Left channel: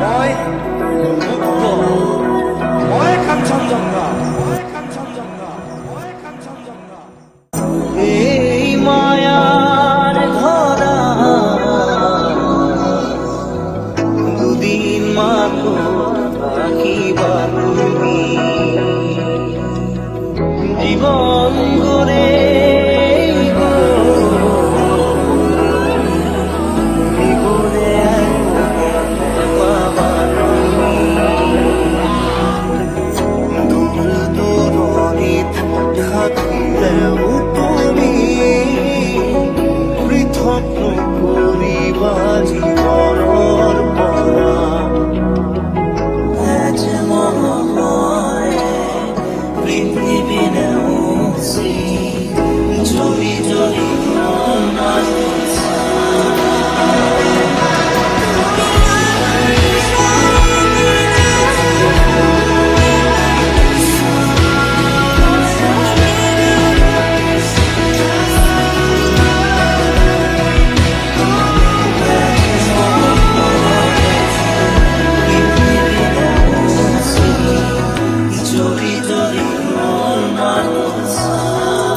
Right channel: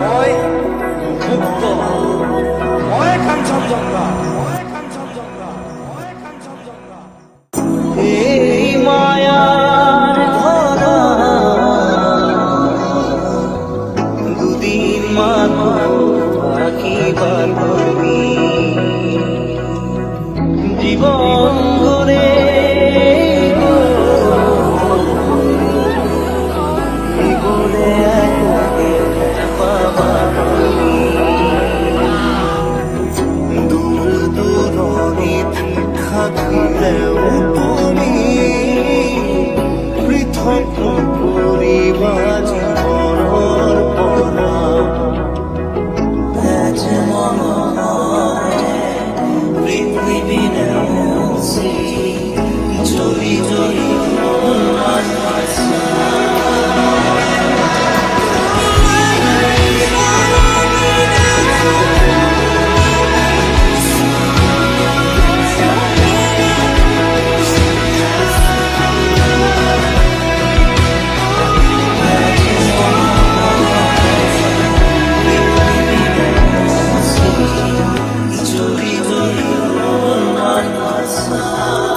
মই মুক্ত, মই কাঞ্চনজঙ্ঘা, মই কাঞ্চনজঙ্ঘা, মই কাঞ্চনজঙ্ঘা। এই মায়ার ধরা দুদিন মাত্র থাকিবা তুমি, জীবন গড়ে গড়ে পাবা তুমি। দূর দূরণিত থাকিলেও তুমি পৃথক নকৰিবা জীৱনৰ পৰা। যে মনে পৃথিৱী নেওচি জ্বলি জ্বলি Jolly, jolly, oh, my son.